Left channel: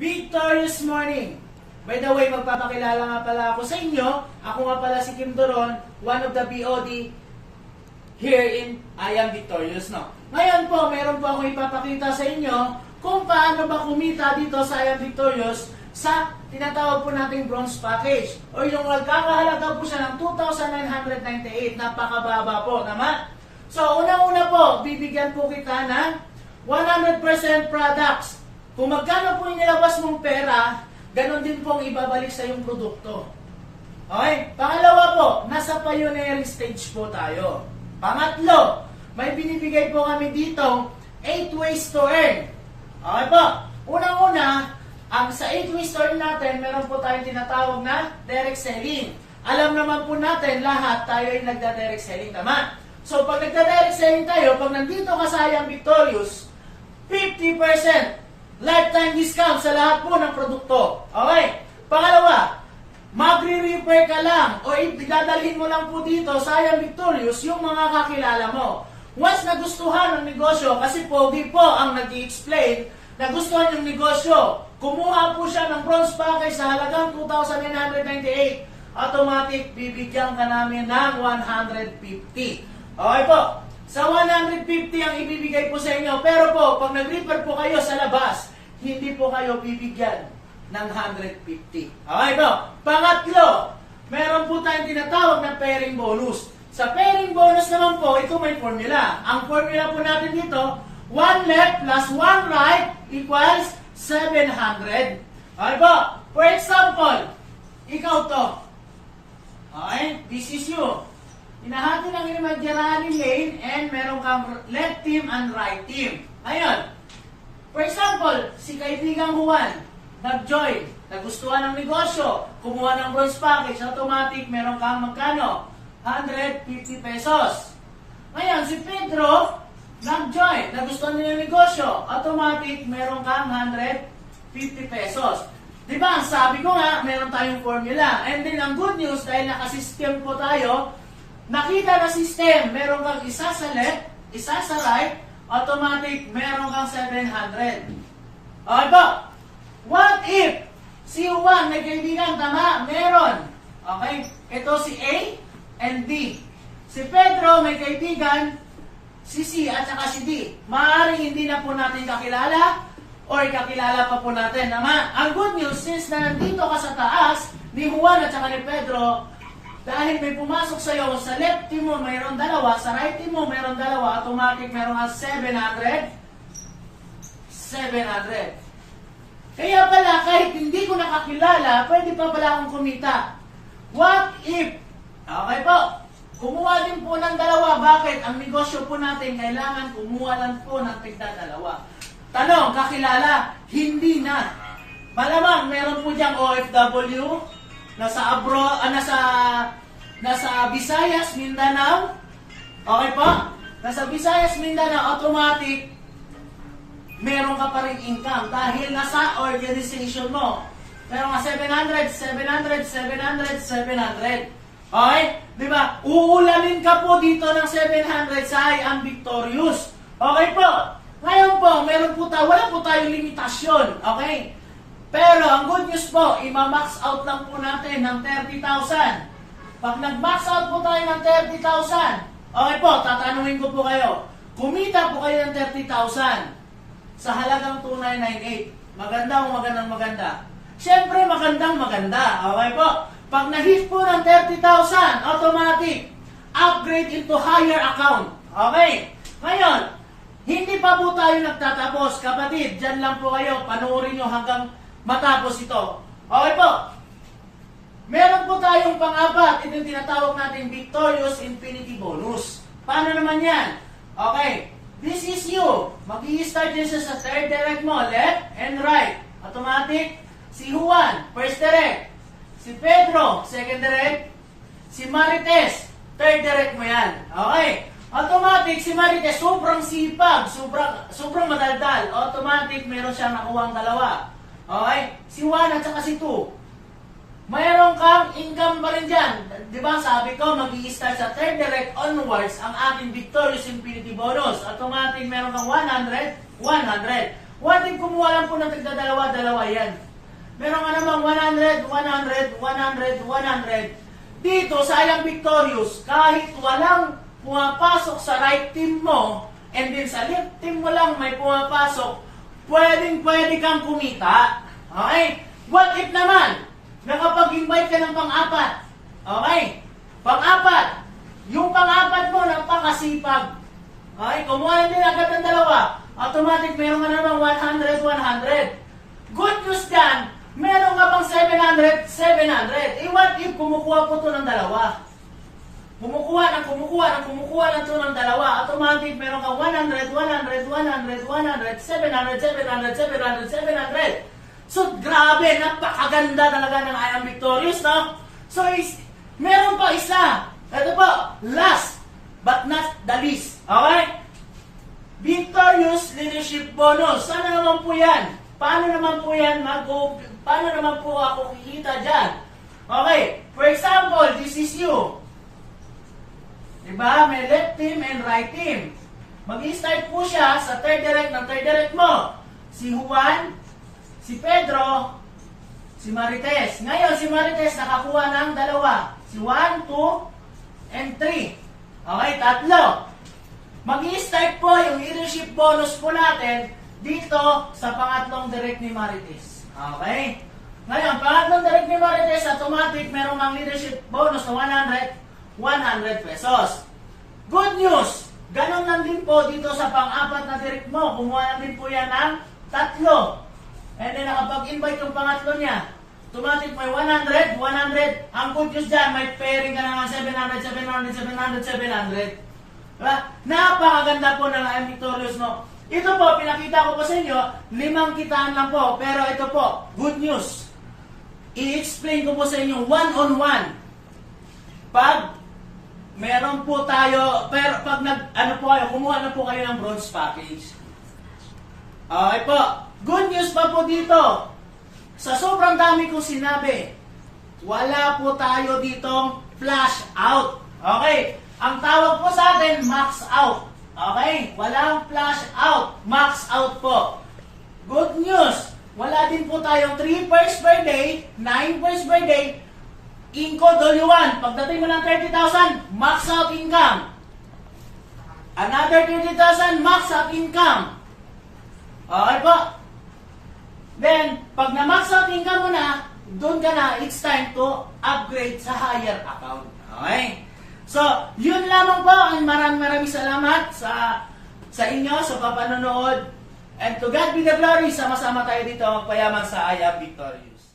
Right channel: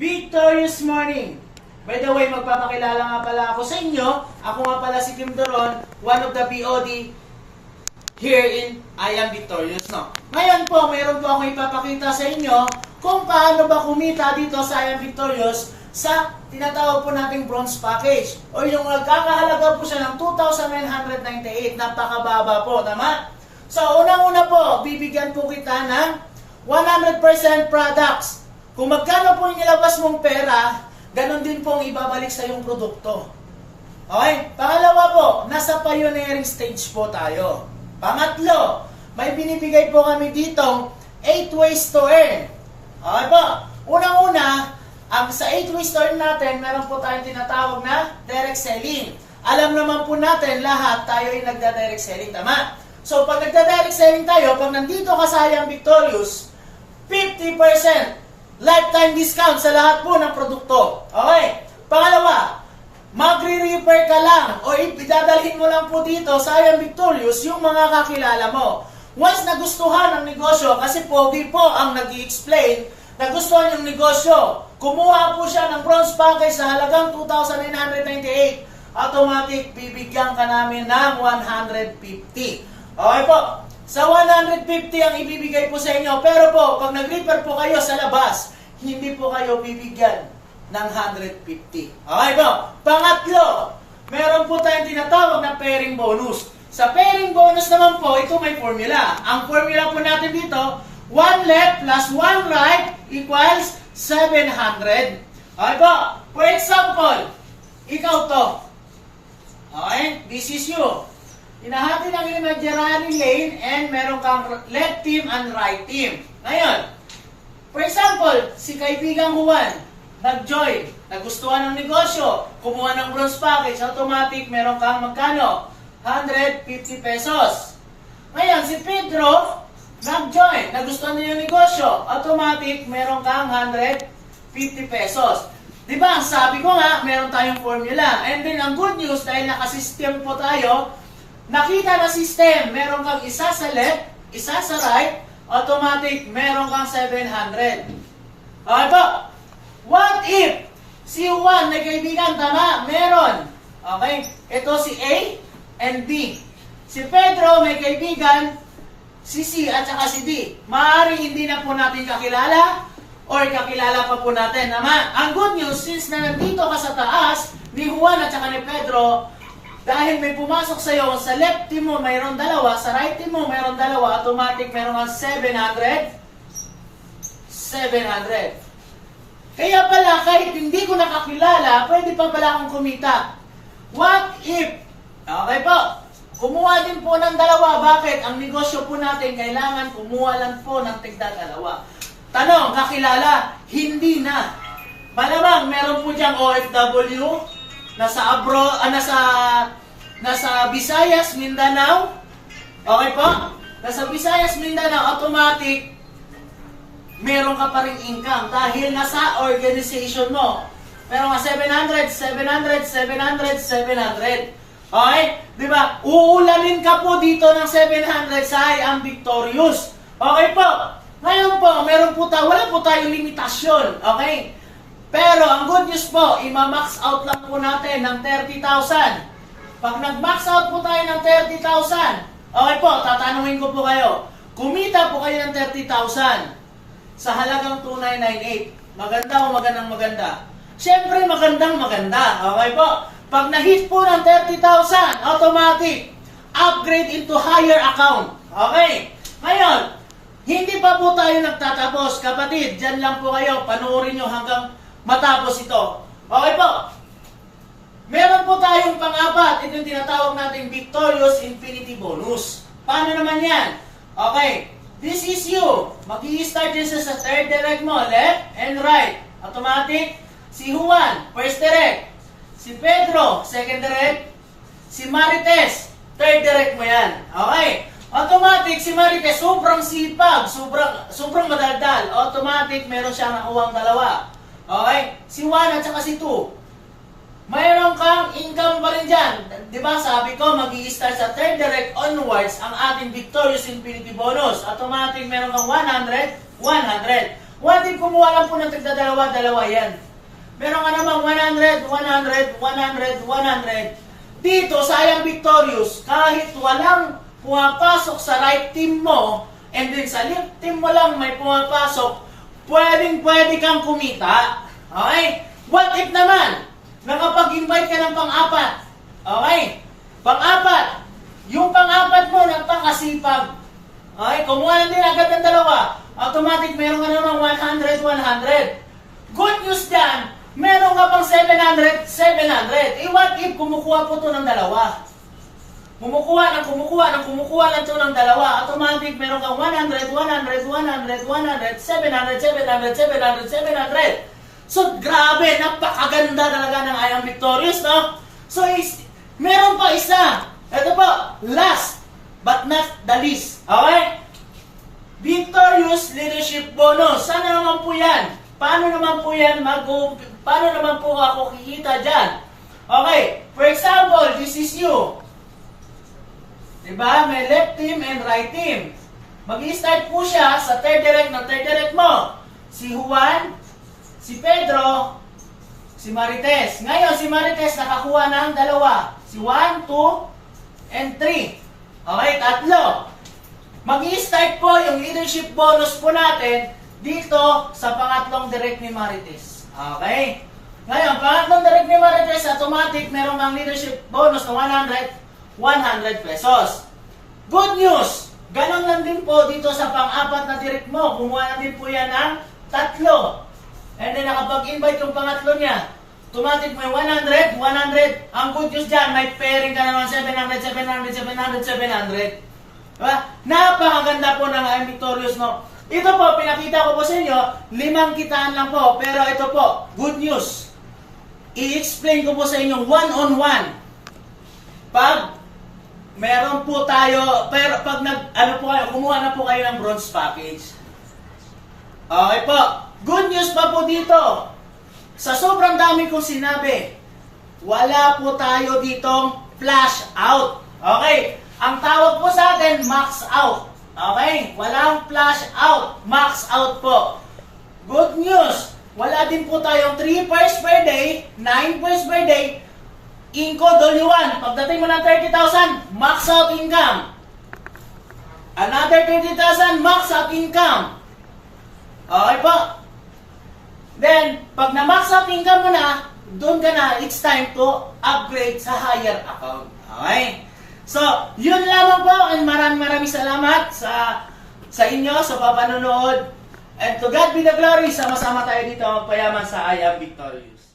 Victorious morning! By the way, magpapakilala nga pala ako sa inyo. Ako nga pala si Kim Doron, one of the BOD here in I Am Victorious. No? Ngayon po, mayroon po akong ipapakita sa inyo kung paano ba kumita dito sa I Am Victorious sa tinatawag po nating bronze package. O yung nagkakahalaga po siya ng 2,998. Napakababa po, tama? So, unang-una po, bibigyan po kita ng 100% products. Kung magkano po nilabas mong pera, ganun din pong ibabalik sa yung produkto. Okay? Pangalawa po, nasa pioneering stage po tayo. Pangatlo, may binibigay po kami ditong 8 ways to earn. Okay po? Unang-una, sa 8 ways to earn natin, meron po tayong tinatawag na direct selling. Alam naman po natin, lahat tayo ay nagda-direct selling, tama? So, pag nagda-direct selling tayo, pag nandito ka sa I Am Victorious, 50% lifetime discount sa lahat po ng produkto. Okay? Pangalawa, magre-refer ka lang o idadalhin mo lang po dito sa I Am Victorious yung mga kakilala mo. Once nagustuhan ng negosyo, kasi pogi po ang nag-i-explain, nagustuhan yung negosyo, kumuha po siya ng bronze package sa halagang 2,998. Automatic, bibigyan ka namin ng 150. Okay po? Sa 150 ang ibibigay po sa inyo. Pero po, pag nag-refer po kayo sa labas, hindi po kayo bibigyan ng 150. Okay po? Pangatlo, meron po tayong tinatawag na pairing bonus. Sa pairing bonus naman po, ito may formula. Ang formula po natin dito, 1 left plus 1 right equals 700. Okay po? For example, ikaw to. Okay? This is you. Hinahati ng imaginary lane and meron kang left team and right team. Ngayon, for example, si kaibigang Juan, nag-join, nagustuhan ng negosyo, kumuha ng bronze package, automatic meron kang magkano? 150 pesos. Ngayon, si Pedro, nag-join, nagustuhan niya yung negosyo, automatic meron kang 150 pesos. Diba, ang sabi ko nga, meron tayong formula. And then, ang good news, dahil nakasystem po tayo, nakita na system, meron kang isa sa left, isa sa right, automatic, meron kang 700. Okay po? What if si Juan na kaibigan, tama, meron. Okay? Ito si A and B. Si Pedro may kaibigan, si C at saka si D. Maaaring hindi na po natin kakilala or kakilala pa po natin. Tama? Ang good news, since na nandito ka sa taas, ni Juan at saka ni Pedro, dahil may pumasok sa iyo, sa left team mo mayroon dalawa, sa right team mo mayroon dalawa, automatic mayroon kang 700. Kaya pala, kahit hindi ko nakakilala, pwede pa pala akong kumita. What if? Okay po. Kumuha din po ng dalawa. Bakit? Ang negosyo po natin, kailangan kumuha lang po ng tigda-dalawa. Tanong, kakilala? Hindi na. Malamang, meron po diyang OFW, nasa abroad, nasa Visayas, Mindanao. Okay po? Nasa Visayas, Mindanao, automatic, meron ka pa rin income dahil nasa organization mo. Meron ka 700. Okay? Diba? Uulanin ka po dito ng 700 sa I Am Victorious. Okay po? Ngayon po, meron po tayo, wala po tayong limitasyon. Okay? Pero ang good news po, ima-max out lang po natin ng 30,000. Pag nag-max out po tayo ng 30,000, okay po, tatanungin ko po kayo, kumita po kayo ng 30,000 sa halagang 2,998. Maganda o maganda? Siyempre, maganda. Okay po? Pag na-hit po ng 30,000, automatic, upgrade into higher account. Okay? Ngayon, hindi pa po tayo nagtatapos. Kapatid, dyan lang po kayo, panoorin nyo hanggang matapos ito. Okay po. Meron po tayong pang-apat. Ito yung tinatawag natin Victorious Infinity Bonus. Paano naman yan? Okay. This is you. Mag-i-start yan sa third direct mo. Left and right. Automatic. Si Juan, first direct. Si Pedro, second direct. Si Marites, third direct mo yan. Okay. Automatic, si Marites, sobrang sipag. Sobrang madaldal. Automatic, meron siyang nakuha ang dalawa. Okay? Si Juan at saka si Tu. Mayroon kang income pa rin dyan. Diba sabi ko, mag-i-start sa third direct onwards ang ating Victorious Infinity Bonus. Automatic, meron kang 100. What if kumuha lang po ng tigdadalawa-dalawa yan? Meron ka namang 100, 100, 100, 100. Dito sa I Am Victorious, kahit walang pumapasok sa right team mo, and then sa left team mo lang may pumapasok, pwede kang kumita. Okay? What if naman, nakapag-invite ka ng pang-apat? Okay? Pang-apat. Yung pang-apat mo, nagpakasipag. Okay? Kumuha din agad ng dalawa. Automatic, meron ka naman 100, 100. Good news dyan, meron ka pang 700, 700. What if kumukuha po to ng dalawa? Kumukuha lang to ng dalawa. Automatic, meron kang 100, 100, 100, 100, 700, 700, 700, 700. So, grabe, napakaganda talaga ng I Am Victorious, no? So, meron pa isa. Ito po, last but not the least. Okay? Victorious Leadership Bonus. Sana naman po yan? Paano naman po yan paano naman po ako kikita dyan? Okay, for example, this is you. Diba? May left team and right team. Mag-i-start po siya sa third direct mo. Si Juan, si Pedro, si Marites. Ngayon, si Marites nakakuha ng dalawa. Si 1, 2, and 3. Okay, tatlo. Mag-i-start po yung leadership bonus po natin dito sa pangatlong direct ni Marites. Okay? Ngayon, pangatlong direct ni Marites, automatic, meron kang leadership bonus na 100 pesos. Good news! Ganon lang din po dito sa pang-apat na direct mo. Kumuha na din po yan ng tatlo. And then, nakapag-invite yung pangatlo niya. Automatic, may 100, 100. Ang good news dyan, may pairing ka naman 700, 700, 700, 700. Diba? Napakaganda po ng I Am Victorious, no? Ito po, pinakita ko po sa inyo, 5 kitaan lang po. Pero ito po, good news. I-explain ko po sa inyo one-on-one. Pag meron po tayo, pero pag kumuha na po kayo ng bronze package. Okay po, good news pa po dito. Sa sobrang dami kong sinabi, wala po tayo ditong flash out. Okay? Ang tawag po sa atin, max out. Okay? Walang flash out. Max out po. Good news. Wala din po tayong 3 pairs per day, 9 pairs per day. Incode all you want. Pagdating mo ng 30,000, max out income. Another 30,000, max out income. Okay po? Then, pag na-max out income mo na, doon ka na, it's time to upgrade sa higher account. Okay? So, yun lamang po, and maraming salamat sa inyo, sa papanonood. And to God be the glory, sama-sama tayo dito, payaman sa I Am Victorious.